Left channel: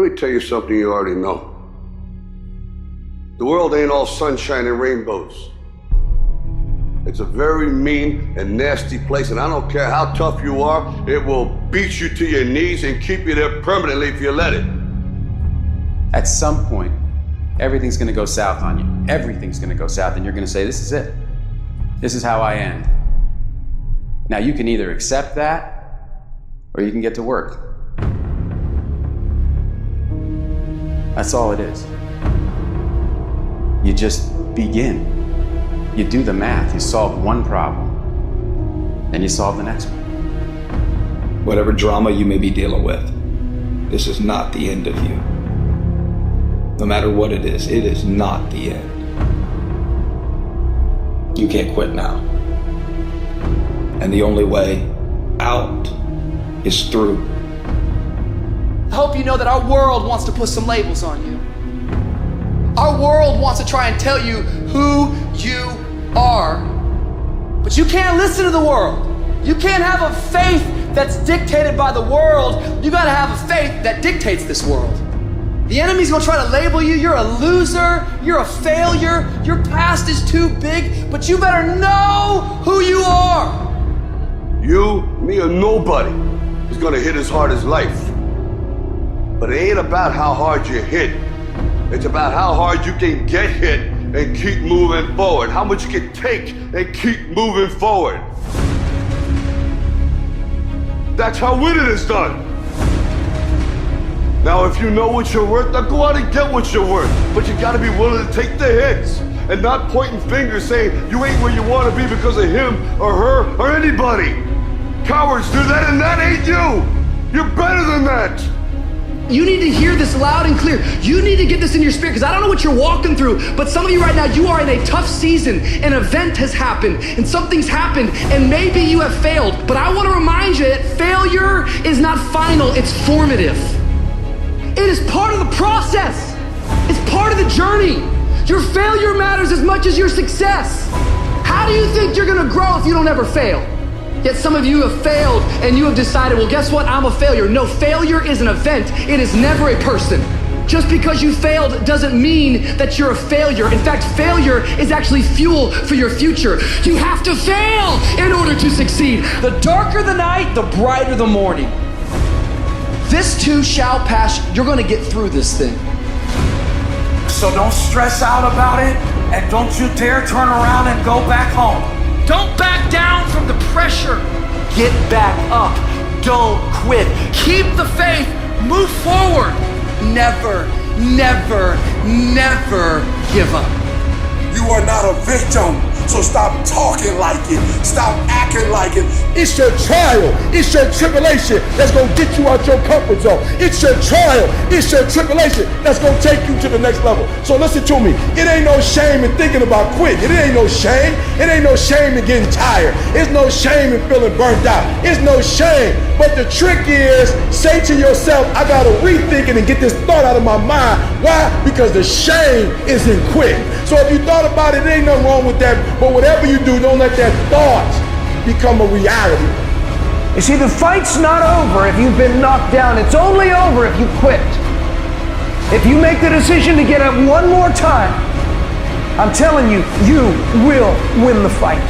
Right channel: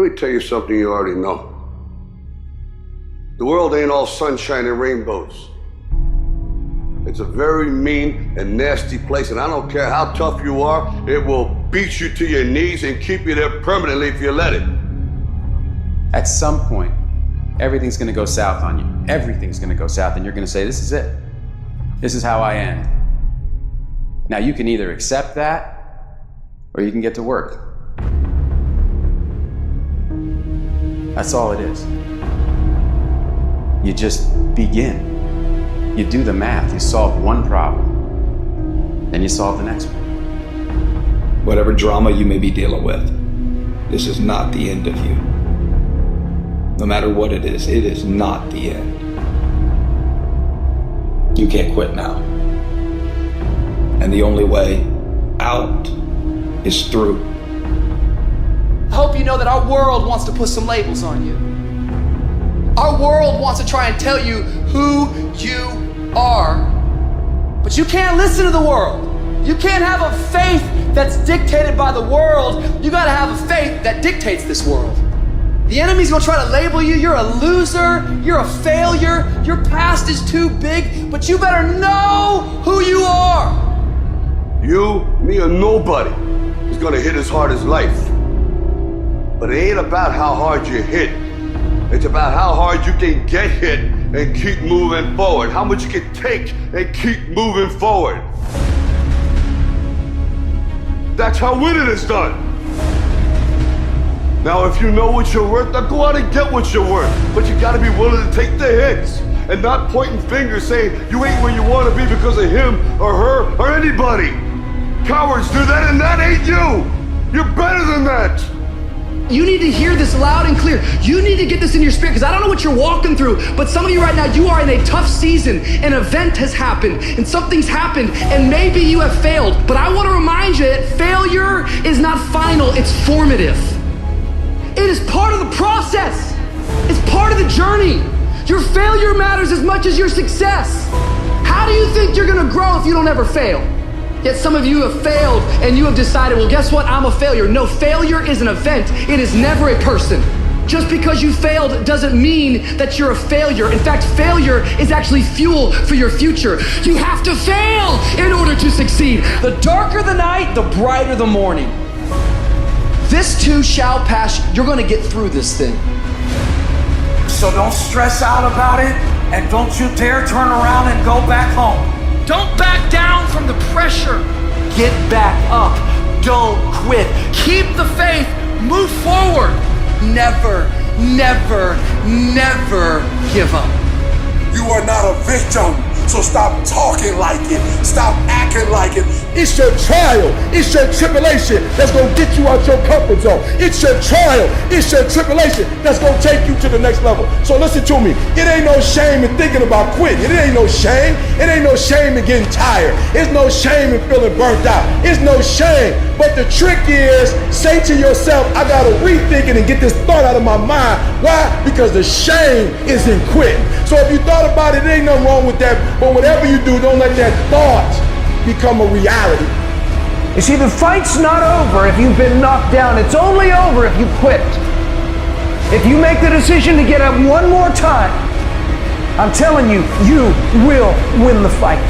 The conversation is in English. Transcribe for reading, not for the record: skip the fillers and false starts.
Let me tell you something you already know. The world ain't all sunshine and rainbows. It's a very mean and nasty place, and I don't care how tough you are, it will beat you to your knees and keep you there permanently if you let it. At some point, everything's gonna go south on you. Everything's gonna go south, and you're gonna say, this is it. This is how I end. Now, you can either accept that, or you can get to work. That's all it is. You just begin. You do the math, you solve one problem, then you solve the next one. Whatever drama you may be dealing with, this is not the end of you. No matter what it is not the end. You can't quit now. And the only way out is through. I hope you know that our world wants to put some labels on you. Our world wants to try and tell you who you are. But you can't listen to the world. You can't have a faith that's dictated by the world. You gotta have a faith that dictates this world. The enemy's gonna try to label you. You're a loser, you're a failure, your past is too big, but you better know who you are. You, me, or nobody is gonna hit as hard as life. But it ain't about how hard you hit. It's about how hard you can get hit and keep moving forward. How much you can take and keep moving forward. That's how winning is done. Now, if you know what you're worth, now go out and get what you're worth. But you gotta be willing to take the hits and not pointing fingers saying you ain't where you wanna be because of him or her or anybody. Cowards do that, and that ain't you. You're better than that. You need to hear this loud and clear. You need to get this in your spirit, because I don't know what you're walking through, but some of you right now, you are in a tough season. An event has happened and something's happened, and maybe you have failed. But I want to remind you that failure is not final, it's formative. It is part of the process. It's part of the journey. Your failure matters as much as your success. How do you think you're gonna grow if you don't ever fail? Yet some of you have failed and you have decided, well, guess what? I'm a failure. No, failure is an event. It is never a person. Just because you failed doesn't mean that you're a failure. In fact, failure is actually fuel for your future. You have to fail in order to succeed. The darker the night, the brighter the morning. This too shall pass. You're gonna get through this thing. So don't stress out about it, and don't you dare turn around and go back home. Don't back down from the pressure. Get back up. Don't quit. Keep the faith. Move forward. Never, never, never give up. You are not a victim, so stop talking like it. Stop acting like it. It's your trial, it's your tribulation that's gonna get you out your comfort zone. It's your trial, it's your tribulation that's gonna take you to the next level. So listen to me, it ain't no shame in thinking about quitting. It ain't no shame. It ain't no shame in getting tired. It's no shame in feeling burnt out. It's no shame. But the trick is, say to yourself, I gotta rethink it and get this thought out of my mind. Why? Because the shame is in quitting. So if you thought about it, there ain't nothing wrong with that. But whatever you do, don't let that thought become a reality. You see, the fight's not over if you've been knocked down. It's only over if you quit. If you make the decision to get up one more time, I'm telling you, you will win the fight.